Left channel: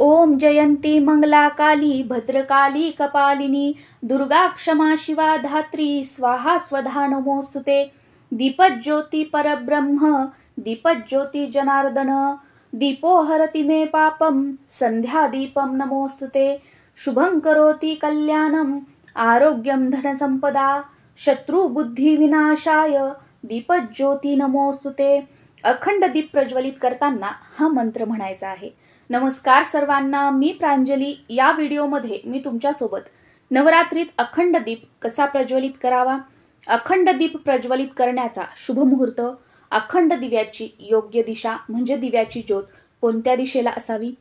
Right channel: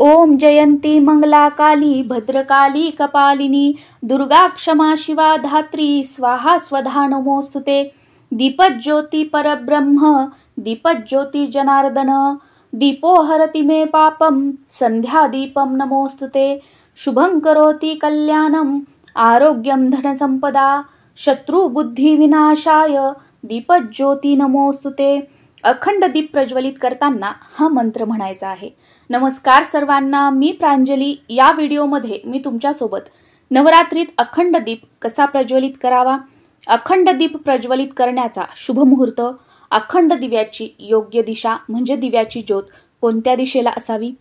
ओम जयंती मंगला काली भद्रकाली कपालिनी दुर्गा क्षमा शिवा धात्री स्वाहा स्वधा नमोस्तुते। दीपज्योती परब्रह्म दीपज्योती जनार्दन दीपो हरति मे पापम संध्या दीपम नमोस्तुते। शुभं करोति कल्याणम आरोग्यम धन संपदा शत्रु बुद्धी विनाशाय दीपज्योती नमोस्तुते। अखंड दीप प्रज्वलित करताना हा मंत्र म्हणायचा आहे। नमस्कार सर्वांना, मी प्रांजली। या व्हिडिओमध्ये मी तुमच्यासोबत नवरात्रीत अखंड दीप कसा प्रज्वलित करावा, अखंड दीप प्रज्वलित करण्याचा शुभ मुहूर्त, अखंड दिव्याची योग्य दिशा म्हणजे दिव्याची ज्योत कोणत्या दिशेला असावी,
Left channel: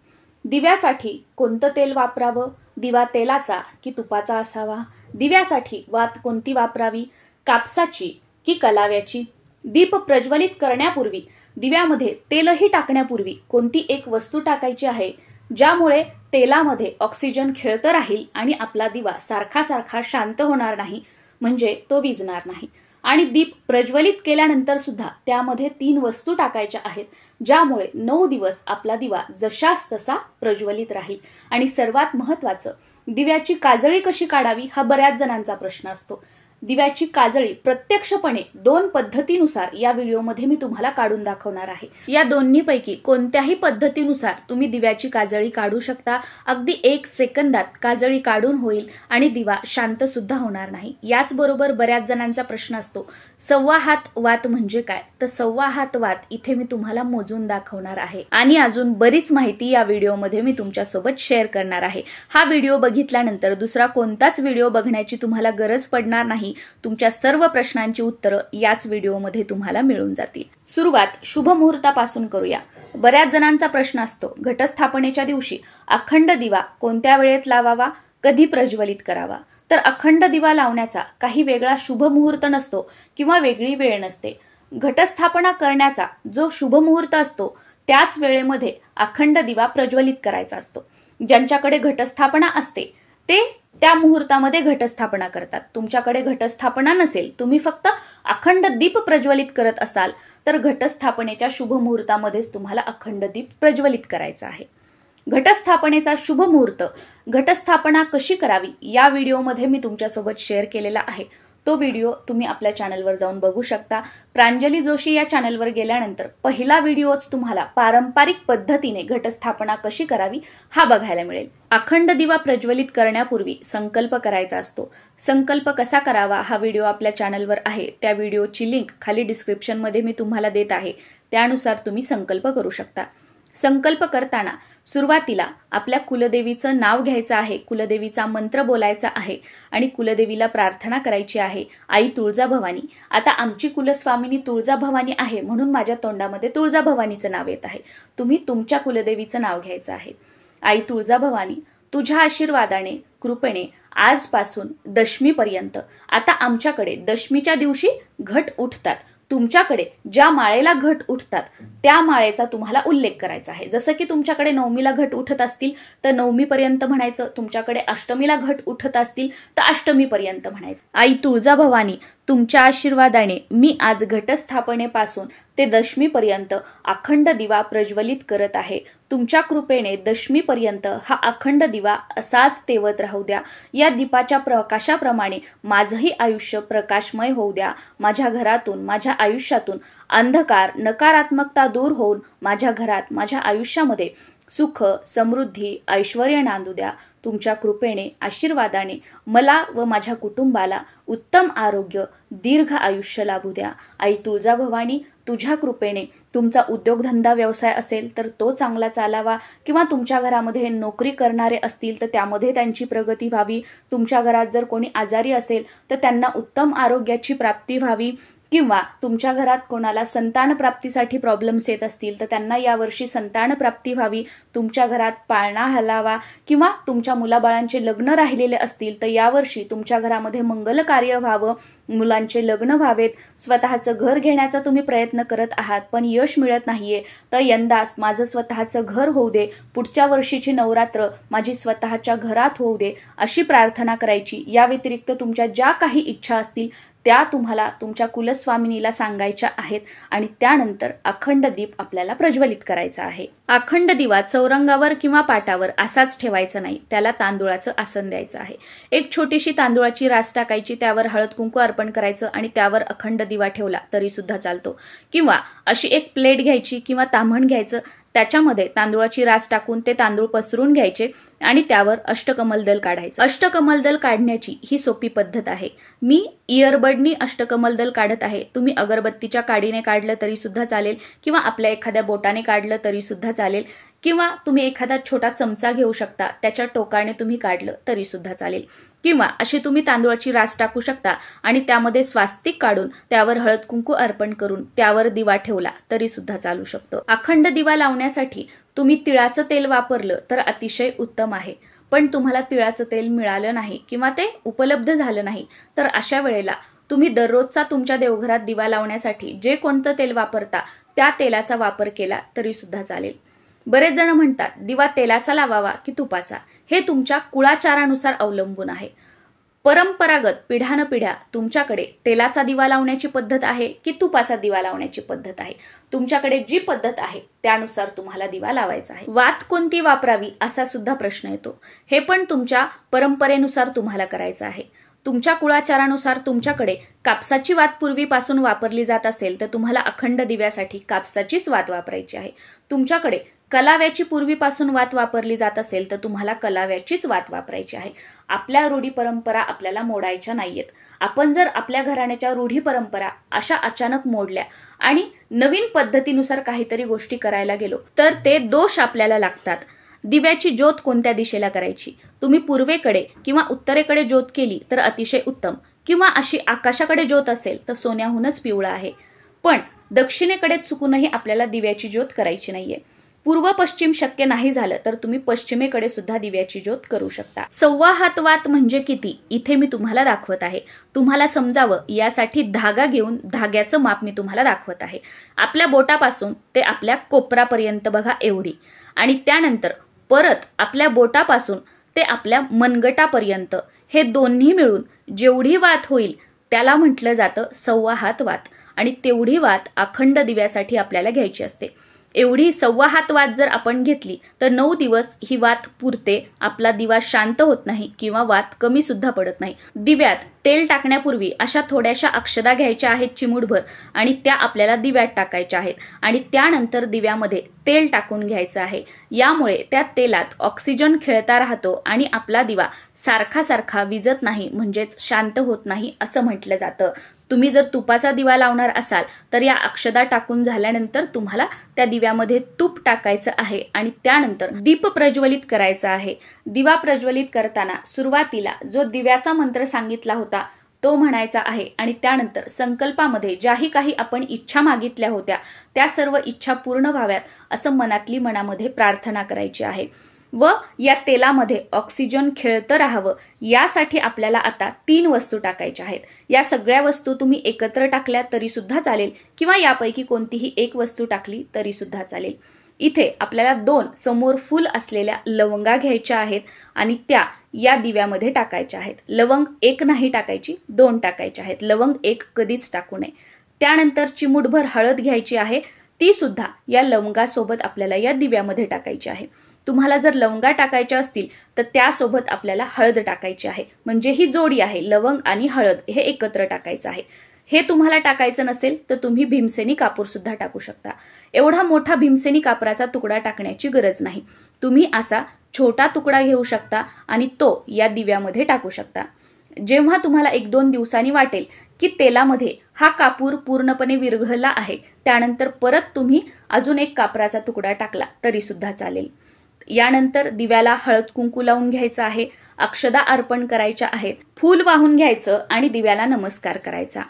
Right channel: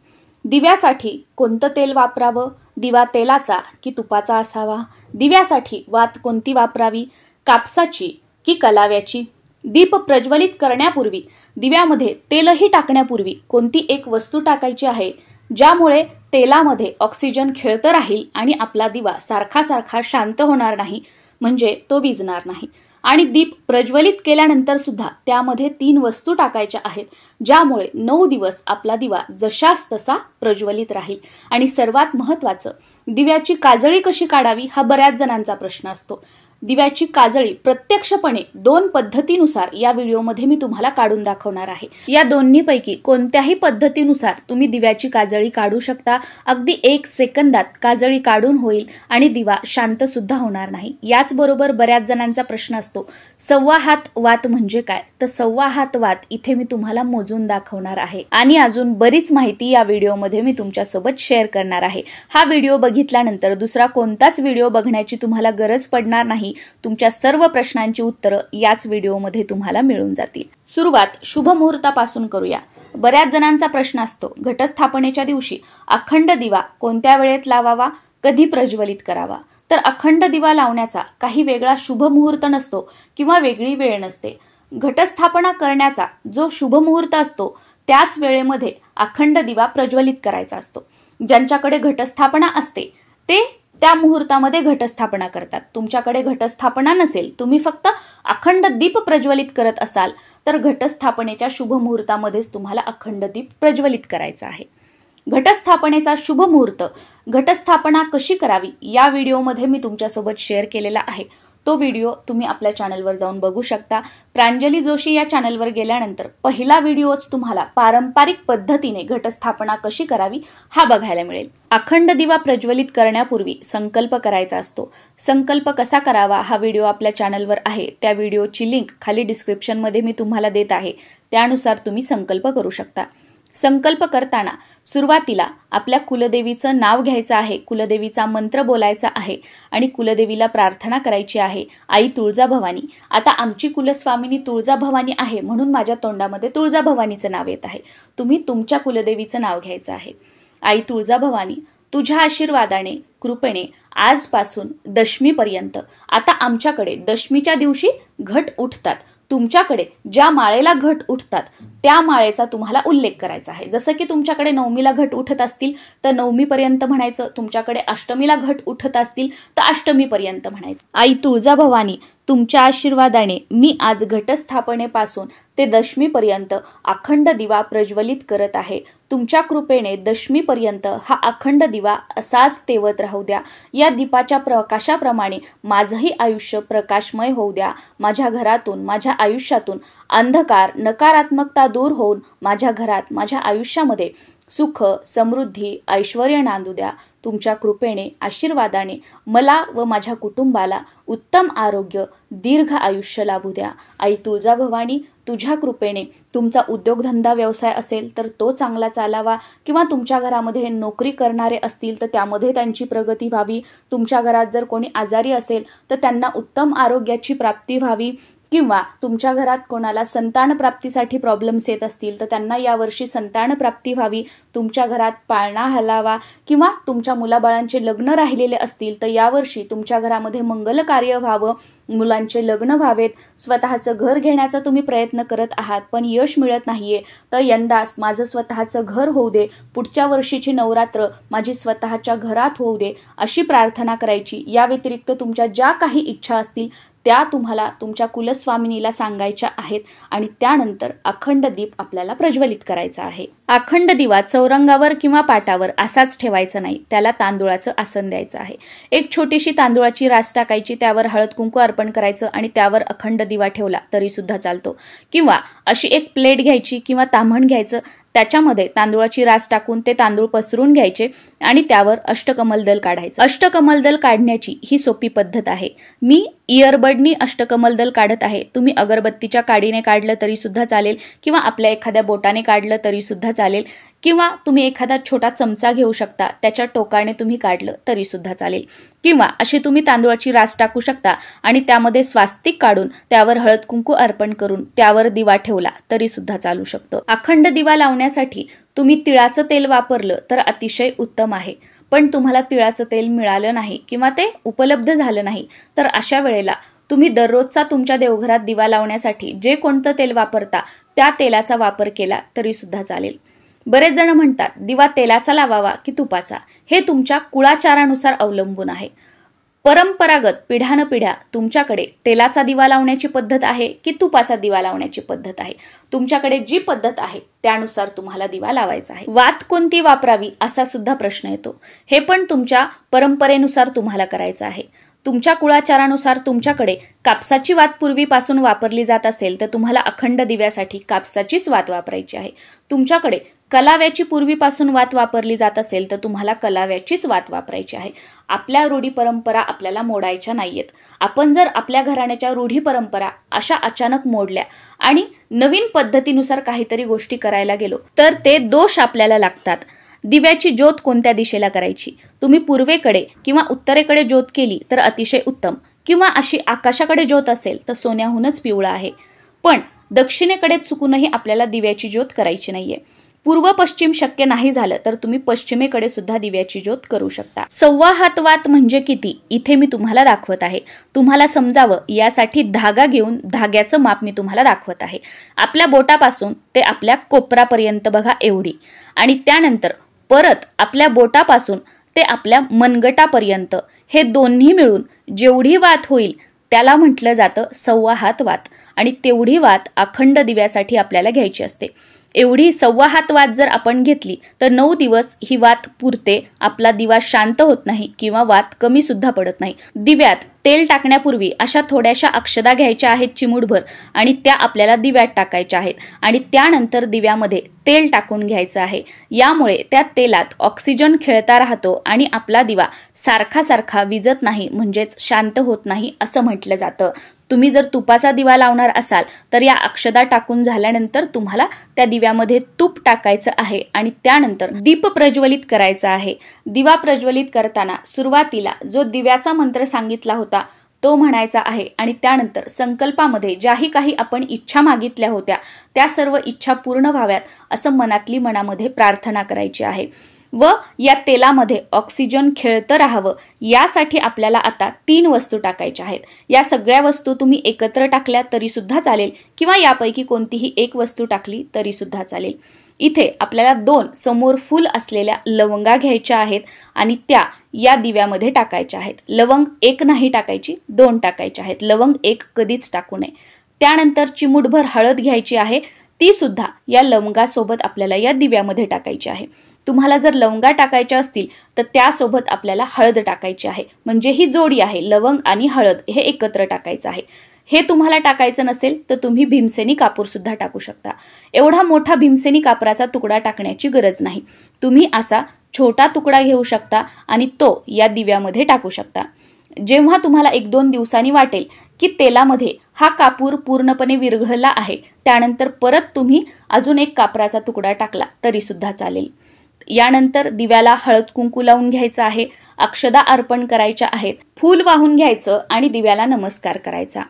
दिव्यासाठी कोणतं तेल वापरावं, दिवा तेलाचा की तुपाचा असावा, दिव्यासाठी वात कोणती वापरावी, कापसाची की कलाव्याची, दीप प्रज्वलित करण्यापूर्वी दिव्यामध्ये तेलही टाकण्यापूर्वी कोणती एक वस्तू टाकायची आहे ज्यामुळे तेलामध्ये ऑक्सिजन खेळतं राहील आणि आपला दिवा सारखा सारखा शांत होणार नाही, म्हणजे तो विझणार नाही। आणि दीप प्रज्वलित केल्यानंतर सुद्धा त्यामध्ये 3 वस्तू टाकायच्या आहेत ज्यामुळे 9 दिवस आपला दिवा जशास तसा प्रज्वलित राहील। आणि सर्वात महत्त्वाचं, दिव्याची काजळी कशी काढावी हा बऱ्याच जणांचा प्रश्न असतो। दिव्याची काजळी प्रत्यक्षपणे 2 पद्धतीनुसार या व्हिडिओमध्ये मी तुम्हाला काढून दाखवणार आहे। या दोन्हीपैकी कोणत्याही पद्धतीनुसार तुम्ही दिव्याची काजळी काढू शकता। अगदी 1 सेकंदात काजळी काढून होईल आणि दिवा शांत सुद्धा होणार नाही। याचबरोबर बऱ्याच जणांचा प्रश्न असतो, 1.25 हात वात म्हणजे काय? तर 1.25 हात वात इथे मी तुम्हाला मोजून दाखवणार आहे आणि अजून बरीच माहिती या व्हिडिओमध्ये मी तुमच्यासोबत शेअर करणार आहे। हा व्हिडिओ बघितल्यानंतर दुसरा कोणताच व्हिडिओ बघण्याची तुम्हाला गरज पडणार नाही। तुमच्या सर्व प्रश्नांची उत्तरं याच व्हिडिओमध्ये तुम्हाला मिळून जातील। सुरुवात शुभ मुहूर्तापासून करूया। बऱ्याच जणांचा प्रश्न असतो, घटस्थापनेच्या दिवशी अखंड दिवा कोणत्या वेळेत लावावा, कधी प्रज्वलित करावा? तर अखंड दिवा लावण्याचा काही वेगळा शुभ मुहूर्त नसतो किंवा वेगळी वेळ नसते। घटस्थापना करण्याचा जो शुभ मुहूर्त असतो त्याच वेळेमध्ये अखंड दिवा प्रज्वलित करायचा असतो। ज्यांच्याकडे घटस्थापना असते ते त्या मुहूर्तामध्ये घटस्थापना करतात। तुमच्याकडे घटस्थापना नसेल, तुम्ही फक्त अखंड दीप प्रज्वलित करत असाल तर घटस्थापनेच्या शुभ मुहूर्तामध्येच तुम्हाला अखंड दीप प्रज्वलित करायचा आहे। घटस्थापनेचा शुभ मुहूर्त, घटस्थापना कशी करावी या व्हिडिओमध्ये मी तुमच्यासोबत शेअर केलेला आहे। तो व्हिडिओ तुम्ही आपल्या चॅनलवर जाऊन बघू शकता। प्रांजली जोशी या चॅनलवर गेल्यानंतर पहिला व्हिडिओच तुम्हाला पारंपरिक पद्धतीने घटस्थापना कशी करावी हा बघायला मिळेल। अखंड दिवा प्रज्वलित करण्यापूर्वी संकल्प करायचा असतो। संकल्प कसा करावा हा व्हिडिओ आपल्या चॅनलवर आहे, त्या व्हिडिओची लिंक खाली डिस्क्रिप्शनमध्ये मी तुम्हाला देत आहे, त्यानुसार तुम्ही संकल्प करू शकता। संकल्प करताना सुरुवातीला आपल्या कुलदेवीचं नाव घ्यायचं आहे, कुलदेवीचा मंत्र बोलायचा आहे आणि कुलदेवीला प्रार्थना करायची आहे, आई तुळजाभवानी, आता आमची कुलस्वामिनी तुळजाभवानी आहे म्हणून माझ्या तोंडामध्ये तुळजाभवानीचं नाव येत आहे। तुम्ही तुमच्या कुलदेवीचं नाव घ्यायचं आहे। आई तुळजाभवानी, तुझ्या आशीर्वादाने कृपेने आजपासून दशमीपर्यंत, आता आमच्याकडे दशमीच्या दिवशी घट उठतात, तुमच्याकडे ज्या माळेला घट उठतात त्या माळेचा तुम्हाला उल्लेख करायचा आहे। जसं की तुमच्याकडे नवमीला घट उठत असतील तर नवमीपर्यंत म्हणायचं, तुमच्याकडे अष्टमीला घट उठत असतील तर अष्टमीपर्यंत म्हणायचं। आई तुळजाभवानी, तुमच्या आशीर्वादाने मी आज घटस्थापनेपासून ते दशमीपर्यंत अखंड दिवा प्रज्वलित करत आहे। तुमच्या कृपेने दशमीपर्यंत हा अखंड दिवा असाच तेवत राहू द्या। या दीपाच्या प्रकाशाप्रमाणे माझंही आयुष्य प्रकाशमय होऊ द्या। माझ्या घरातून, माझ्या आयुष्यातून अंधकार, नकारात्मकता दूर होऊन माझ्या घरात, माझ्या आयुष्यामध्ये सुख, समृद्धी, ऐश्वर्य नांदू द्या। तुमच्या कृपेने, आशीर्वादाने मला व माझ्या कुटुंबाला उत्तम आरोग्य, दीर्घ आयुष्य लाभू द्या। आई तुळजाभवानी, तुझ्या कृपेने तुमचा उद्योगधंदा व्यवसाय असेल तर तो चांगला चालावा, किंवा तुमच्या घरामध्ये नोकरी करणारे असतील तर त्यामध्ये त्यांची प्रगती व्हावी, तुमच्या घरात जर कोणी आजारी असेल तर त्यांना उत्तम आरोग्याची प्राप्ती व्हावी, किंवा तुमच्या घरात कोणाला संतान प्राप्तीसाठी प्रॉब्लेम्स येत असतील तर त्यांना यावर्षी संतान प्राप्ती व्हावी, तुमच्या घरात पाळणा हलावा, किंवा तुमच्या मुलाबाळांचे लग्न राहिलेले असतील तर यावर्षी तुमच्या घरामध्ये मंगल कार्य व्हावं, मुलांचे लग्न व्हावेत, स्वतःचं घर घेण्याचा तुम्ही प्रयत्न करत आहात पण यश मिळत नाहीये तर यंदाच माझं स्वतःचं घर होऊ दे, पुढच्या वर्षीची नवरात्र माझी स्वतःच्या घरात होऊ दे, अशी प्रार्थना करायची। या व्यतिरिक्त तुमच्या ज्या काही इच्छा असतील त्या तुम्हाला तुमच्या कुलस्वामिनीला सांगायच्या आहेत आणि त्यानंतर अखंड दीप आपल्याला प्रज्वलित करायचा आहे. अखंड दिवा चौरंगावर किंवा पाटावर असाच ठेवायचा नाही, त्याला तांदुळाचं आसन द्यायचं आहे. एक छोटीशी तांदुळाची रास टाकायची, त्यावर हळद कुंकू अर्पण करायचं आणि त्यावर अखंड दिवा ठेवला तरी सुद्धा चालतो. किंवा अशी एक प्लेट घ्यायची किंवा ताम्हण घ्यायचं, त्याच्यामध्ये तांदूळाची रास टाकून ते तांदूळ पसरून घ्यायचे आणि त्यावर अष्टकमलदल काढायचं. अष्टकमलदल काढण्याची ही सोपी पद्धत आहे. मी इयरबडनी अष्टकमलदल काढत आहे. तुम्ही अगरबत्तीच्या काडीने काढलं तरी सुद्धा चालेल किंवा आपल्या एखाद्या बोटाने काढलं तरी सुद्धा चालेल किंवा तुम्ही एखादा छोटा चमचा घेऊ शकता, त्याच्या टोकाने तुम्ही काढलं तरी सुद्धा चालेल. किंवा अशी तुम्ही तांदूळाची रास टाकू शकता आणि त्यामध्ये स्वास्तिक काढून त्यावर हळद कुंकू अर्पण करून त्यावर दिवा ठेवला तरी सुद्धा चालू शकतो. अखंड दिवा लावण्यासाठी तुम्ही तिळाचं तेल वापरलं तर अतिशय उत्तम आहे. पण तुम्हाला तिळाचं तेल मिळालं नाही किंवा ते उपलब्ध झालं नाही तर अशा वेळेला तुम्ही दररोजचा तुमच्या देवघरात दिवा लावण्यासाठी जे कोणतं तेल वापरता त्या तेलाचा वापर केला तरी सुद्धा चालेल. बरेच जण म्हणतात दिवा तेलाचा लावावा की तुपाचा, हे तुमच्या कुळाचारानुसार अवलंबून आहे. परंपरागत पिढ्यानपिढ्या तुमच्याकडे तेलाचा दिवा लावण्याची पद्धत आहे की तुपाचा दिवा लावण्याची पद्धत आहे. तुमच्याकडे जी पद्धत आहे त्यानुसार तुम्हाला दिवा लावायचा आहे. वात कोणती वापरावी असा सुद्धा प्रश्न येतो. हे पण तुमच्या परंपरेनुसार तुम्हाला करायचं आहे. तुमच्या कुळाचारानुसार तुमच्याकडे कापसाची वात पूर्वीपासून वापरली जात असेल तर तुम्हाला अखंड दिव्यासाठी कापसाचीच वात वापरायची आहे. तुमच्याकडे कलाव्याची पूर्वीपासून वात वापरली जात असेल तर तुम्हाला कलाव्याचीच वात वापरायची आहे. आपल्या रूढी परंपरा आपल्याला मोडायच्या नाहीयेत. आपण जर आपल्या घराण्याच्या रूढी परंपरा अशा अचानक मोडल्या आणि नवीन पद्धतीनुसार काहीतरी गोष्टी करायला गेलो तर ते दोष आपल्याला लागतात. दिव्याची ज्योत कोणत्या दिशेला करायची? तुम्ही पूर्वेकडे किंवा उत्तरेकडे ज्योत केली तर अतिशय उत्तम, किंवा अशी आकाशाकडे ज्योत असेल तर सोन्याहूनच पिवळा आहे. पण दक्षिणेकडे चुकूनही आपल्याला दिव्याची ज्योत करायची नाहीये. पूर्व पश्चिम शक्य नाही झालं तर तुम्ही पश्चिमेकडे सुद्धा दिव्याची ज्योत करू शकता. 1.25 हात वात म्हणजे किती इथे मी तुम्हाला दाखवत आहे. तुम्हाला समजावं यासाठी धागा घेऊन धाग्याचं माप मी तुम्हाला दाखवत आहे. आपल्या बोटापासून ते आपल्या कोपरापर्यंत बघा एवढी, आणि त्यानंतर परत आपल्या बोटापासून ते आपल्या मनगटापर्यंत, हे दोन्ही मिळून जेवढी वात होईल त्याला म्हटलं जातं 1.25 हात वात. आणि तेवढी वात अखंड दिव्यासाठी आपल्याला घ्यायची असते. एवढी 1.25 हात वात जर आपण घेतली तर 9 दिवस ही वात पुरते. आपला दिवा शांत होत नाही किंवा वात कमी सुद्धा पडत नाही. दिव्यात तेल टाकण्यापूर्वी अशा थोड्याशा अक्षदा घ्यायच्या आहेत चिमूटभर आणि त्या आपल्याला दिव्यात टाकायच्या आहेत आणि त्यानंतर दिव्यामध्ये तेल टाकून घ्यायचं आहे. यामुळे त्या तेलात ऑक्सिजन खेळता राहतो आणि आपला दिवा सारखा सारखा विजत नाही, म्हणजेच शांत होत नाही असं म्हटलं जातं. तुम्ही जर तुपाचा दिवा लावणार असाल तर या अक्षदा टाकून झाल्यानंतर तुम्हाला त्या दिव्यामध्ये तूप टाकायचं आहे आणि त्यानंतर दीप प्रज्वलित करायचा आहे. दिवा प्रज्वलित करताना सुरुवातीला जो दिव्याचा मंत्र सांगितला होता तो म्हणायचा आहे आणि त्यानंतर संकल्पामध्ये ज्याही काही आपण इच्छा मागितल्या होत्या त्या सर्व इच्छा पूर्ण व्हाव्यात असं मनातली मनामध्ये प्रार्थना करायची आहे. व या तेलामध्ये ऑक्सिजन खेळतं राहावं यासाठी आपल्याला आता 3 वस्तू टाकायच्या आहेत. या सगळ्या वस्तू तुम्ही एकत्र टाकल्या तरी सुद्धा चालेल किंवा यापैकी कोणतीही एक वस्तू टाकली तरी सुद्धा चालेल. इथे आपल्याला 2 समोर फुल असलेल्या लवंगा घ्यायच्या आहेत आणि त्या या दिव्यामध्ये टाकायच्या आहेत. लवंग 1 नाही टाकायची, 2 टाकायच्या आहेत. लवंग 1 कधीच टाकू नये. त्यानंतर चिमूटभर हळद घ्यायची आहे, ती सुद्धा या लवंगासोबत आपल्याला या दिव्यामध्ये टाकायची आहे. तुम्हाला जर लवंगा टाकायच्या असतील तर त्यासोबत आपल्याला हळद टाकायची आहे. म्हणजे ही जोडी आहे, लवंग आणि हळद हे एकत्र टाकायचं आहे. हे तुम्हाला टाकायचं नसेल तर तुम्ही भीमसेनी कापूर सुद्धा टाकू शकता. एवढा मोठा भीमसेनी कापराचा तुकडा टाकण्याची गरज नाही. तुम्ही असा छोटा तुकडा घेऊ शकता आणि तो या दिव्यामध्ये टाकू शकता. जेव्हा तुम्हाला 1-2 दिवसांनी वाटेल की तेलामध्ये हा कापूर पूर्णपणे विरघळला आहे, त्यानंतर परत तुम्ही अजून एक कापराचा तुकडा टाकला तरी सुद्धा चालेल. यानंतर दिव्याला हळद कुंकू लावून घ्यायचं आहे, अक्षदा अर्पण करायच्या आहेत, फूल वाहून घ्यायचं आणि दिव्याला नमस्कार करायचा.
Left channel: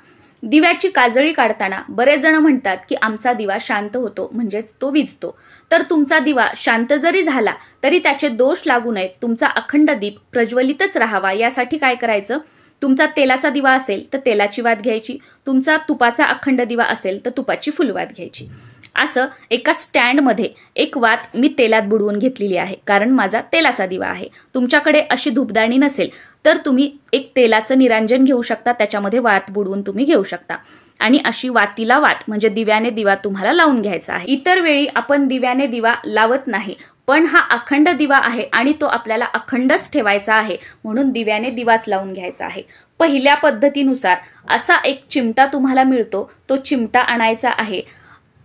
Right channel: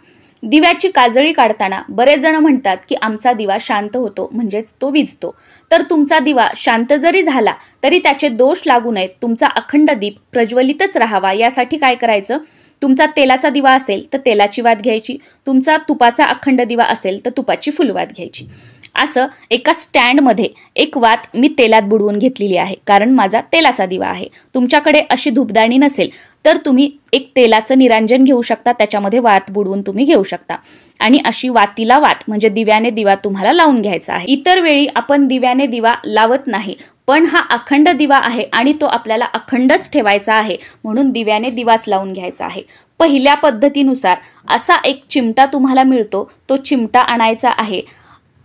दिव्याची काजळी काढताना बरेच जण म्हणतात की आमचा दिवा शांत होतो, म्हणजेच तो विझतो. तर तुमचा दिवा शांत जरी झाला तरी त्याचे दोष लागू नयेत, तुमचा अखंड दीप प्रज्वलितच राहावा यासाठी काय करायचं? तुमचा तेलाचा दिवा असेल तर तेलाची वात घ्यायची, तुमचा तुपाचा अखंड दिवा असेल तर तुपाची फुलवात घ्यायची. असं एका स्टँडमध्ये एक वात मी तेलात बुडवून घेतलेली आहे, कारण माझा तेलाचा दिवा आहे. तुमच्याकडे अशी धूपदाणी नसेल तर तुम्ही एक तेलाचं निरांजन घेऊ शकता, त्याच्यामध्ये वात बुडवून तुम्ही घेऊ शकता आणि अशी वातीला वात म्हणजे दिव्याने दिवा तुम्हाला लावून घ्यायचा आहे। इतर वेळी आपण दिव्याने दिवा लावत नाही, पण हा अखंड दिवा आहे आणि तो आपल्याला अखंडच ठेवायचा आहे, म्हणून दिव्याने दिवाच लावून घ्यायचा आहे। पहिल्या पद्धतीनुसार असा एक चिमटा तुम्हाला मिळतो, तो चिमटा आणायचा आहे।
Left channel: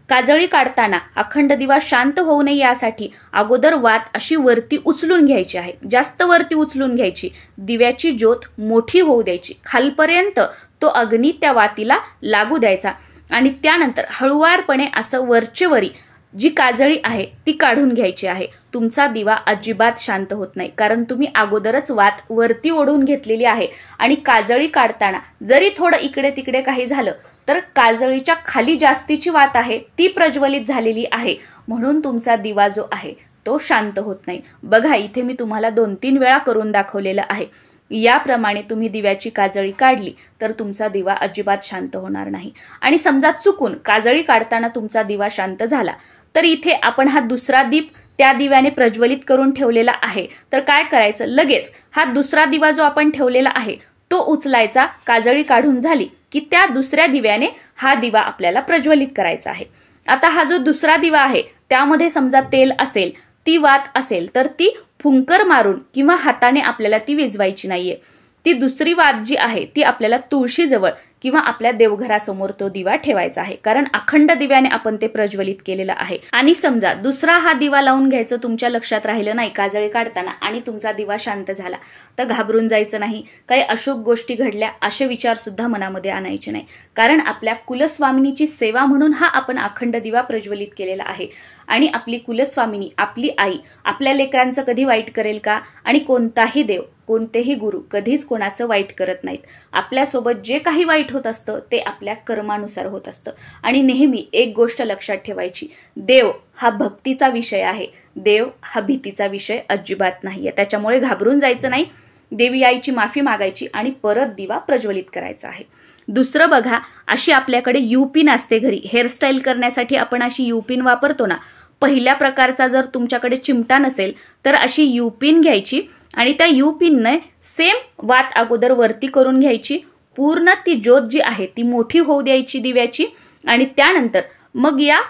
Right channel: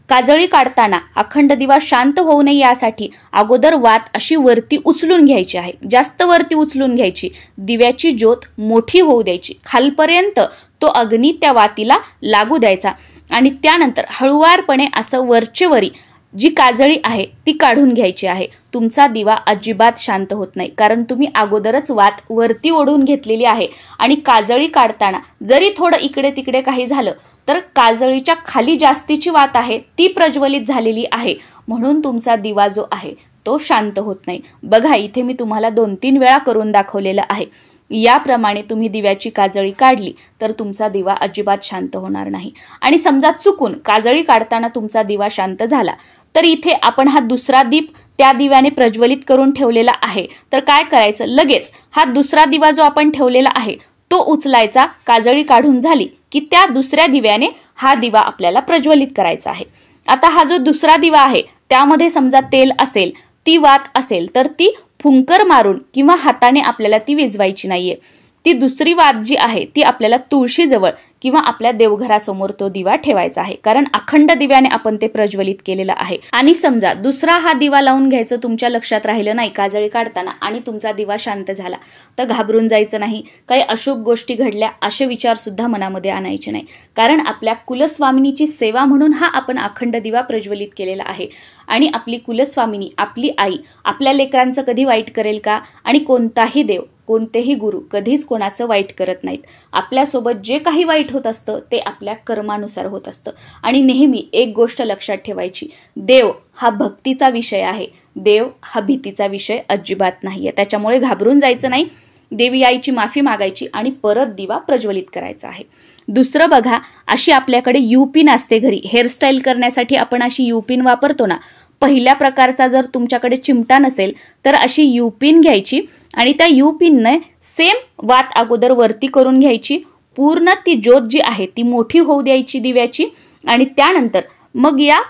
काजळी काढताना अखंड दिवा शांत होऊ नये यासाठी अगोदर वात अशी वरती उचलून घ्यायची आहे, जास्त वरती उचलून घ्यायची, दिव्याची ज्योत मोठी होऊ द्यायची, खालपर्यंत तो अग्नी त्या वातीला लागू द्यायचा आणि त्यानंतर हळुवारपणे असं वरचेवरी जी काजळी आहे ती काढून घ्यायची आहे। तुमचा दिवा अजिबात शांत होत नाही, कारण तुम्ही अगोदरच वात वरती ओढून घेतलेली आहे आणि काजळी काढताना जरी थोडं इकडे तिकडे काही झालं तर काजळीच्या खाली जास्तीची वात आहे ती प्रज्वलित झालेली आहे, म्हणून तुमचा दिवा जो आहे तो शांत होत नाही। बघा, इथे मी तुम्हाला 2-3 वेळा करून दाखवलेलं आहे। याप्रमाणे तुम्ही दिव्याची काजळी काढली तर तुमचा दिवा अजिबात शांत होणार नाही। आणि समजा चुकून काजळी काढताना तुमचा दिवा शांत झाला तर इथे आपण हा दुसरा दीप त्या दिव्याने प्रज्वलित करून ठेवलेला आहे, तर काय करायचं, लगेच हा दुसरा दिवा जो आपण ठेवलेला आहे तो उचलायचा। काजळी काढून झाली की त्या दुसऱ्या दिव्याने हा दिवा आपल्याला प्रज्वलित करायचा आहे। आता हा जो दुसरा दिवा आहे त्यामध्ये समजा तेल असेल, ती वात असेल, तर ती फुंकर मारून किंवा हाताने आपल्याला ती विझवायची नाहीये। ती दुसरी वात जी आहे ती आपल्याला तुळशीजवळ किंवा आपल्या देवघरासमोर तो दिवा ठेवायचा आहे, कारण अखंड दिव्याने आपण ते प्रज्वलित केलेलं आहे। आणि समजा दुसरा हा दिवा लावून घ्यायचं तुमच्या लक्षात राहिलं नाही काजळी काढताना आणि तुमचा दिवा शांत झाला तर घाबरून जायचं नाही, काही अशुभ गोष्टी घडल्या असे विचार सुद्धा मनामध्ये आणायचे नाही, कारण आपल्या कुलस्वामिनीची सेवा म्हणून हा आपण अखंड दिवा प्रज्वलित केलेला आहे। आणि आपली कुलस्वामिनी, आपली आई आपल्या लेकरांचं कधी वाईट करेल का? आणि कोणताही देव, कोणतेही गुरु कधीच कोणाचं वाईट करत नाहीत। आपल्यासोबत जे काही वाईट होत असतं ते आपल्या कर्मानुसार होत असतं। आणि नेहमी एक गोष्ट लक्षात ठेवायची, देव हा भक्तीचा विषय आहे, देव हा भीतीचा विषय अजिबात नाहीये। त्याच्यामुळे घाबरून जायचं नाही, देवी आईची माफी मागायची आणि परत दिवा प्रज्वलित करायचा आहे। दुसरं बघा, अशी आपल्याकडे युपिन असते घरी, हेअरस्टाईल करण्यासाठी आपण अशी युपिन वापरतो ना, पहिल्या प्रकारचा जर तुमच्याकडे चिमटा नसेल तर अशी युपिन घ्यायची आणि त्या युपिनने सेम वात अगोदर वरती करून घ्यायची, पूर्ण ती ज्योत जी आहे ती मोठी होऊ द्यायची दिव्याची आणि त्यानंतर मग या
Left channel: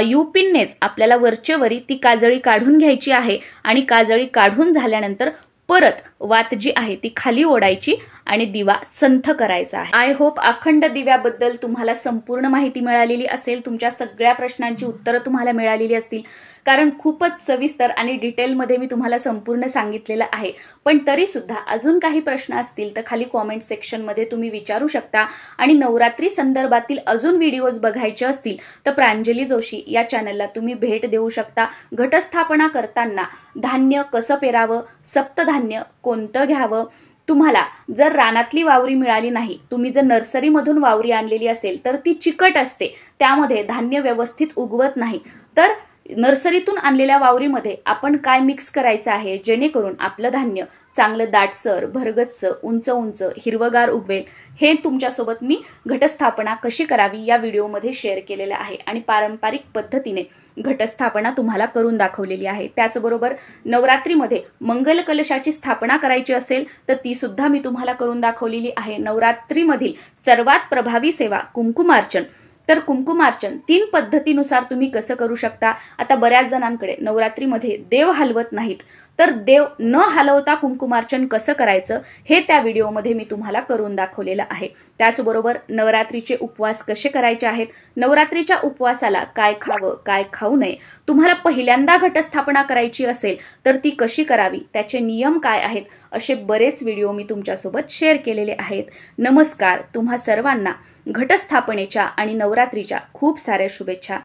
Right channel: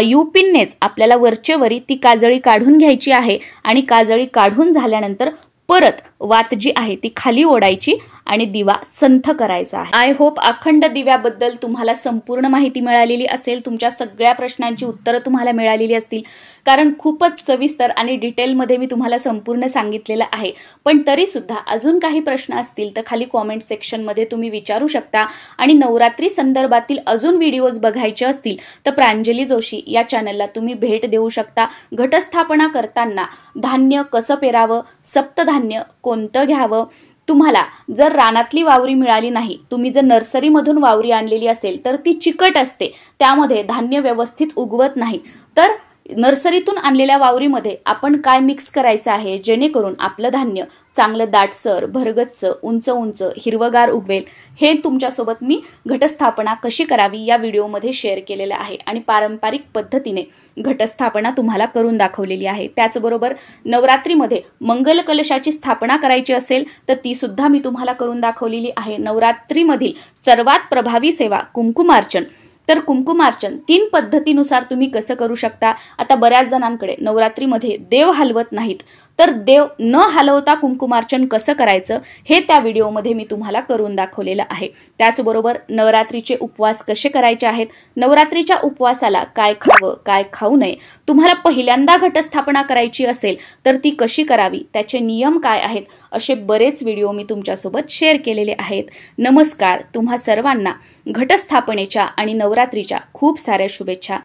युपिननेच आपल्याला वरचेवरी ती काजळी काढून घ्यायची आहे आणि काजळी काढून झाल्यानंतर परत वात जी आहे ती खाली ओढायची आणि दिवा संथ करायचा आहे। आय होप अखंड दिव्याबद्दल तुम्हाला संपूर्ण माहिती मिळालेली असेल, तुमच्या सगळ्या प्रश्नांची उत्तरं तुम्हाला मिळालेली असतील, कारण खूपच सविस्तर आणि डिटेलमध्ये मी तुम्हाला संपूर्ण सांगितलेलं आहे। पण तरी सुद्धा अजून काही प्रश्न असतील तर खाली कॉमेंट सेक्शनमध्ये तुम्ही विचारू शकता आणि नवरात्री संदर्भातील अजून व्हिडिओज बघायचे असतील तर प्रांजली जोशी या चॅनलला तुम्ही भेट देऊ शकता। घटस्थापना करताना धान्य कसं पेरावं, सप्तधान्य कोणतं घ्यावं, तुम्हाला जर रानातली वावरी मिळाली नाही, तुम्ही जर नर्सरीमधून वावरी आणलेली असेल तर ती चिकट असते, त्यामध्ये धान्य व्यवस्थित उगवत नाही, तर नर्सरीतून आणलेल्या वावरीमध्ये आपण काय मिक्स करायचं आहे जेणेकरून आपलं धान्य चांगलं दाटसर, भरगच्च, उंच उंच, हिरवगार उगवेल, हे तुमच्यासोबत मी घटस्थापना कशी करावी या व्हिडिओमध्ये शेअर केलेलं आहे आणि पारंपरिक पद्धतीने घटस्थापना तुम्हाला करून दाखवलेली आहे। त्याचबरोबर नवरात्रीमध्ये मंगल कलशाची स्थापना करायची असेल तर ती सुद्धा मी तुम्हाला करून दाखवलेली आहे। नवरात्रीमधील सर्वात प्रभावी सेवा कुंकुमार्चन, तर कुंकुमार्चन 3 पद्धतीनुसार तुम्ही कसं करू शकता। आता बऱ्याच जणांकडे नवरात्रीमध्ये देव हलवत नाहीत, तर देव न हलवता कुंकुमार्चन कसं करायचं हे त्या व्हिडिओमध्ये मी तुम्हाला करून दाखवलेलं आहे। त्याचबरोबर नवरात्रीचे उपवास कसे करायचे आहेत, नवरात्रीच्या उपवासाला काय खावं काय खाऊ नये, तुम्हाला पहिल्यांदा घटस्थापना करायची असेल तर ती कशी करावी, त्याचे नियम काय आहेत, असे बरेच व्हिडिओ मी तुमच्यासोबत शेअर केलेले आहेत। नमस्कार, तुम्हा सर्वांना घटस्थापनेच्या आणि नवरात्रीच्या खूप साऱ्या शुभेच्छा।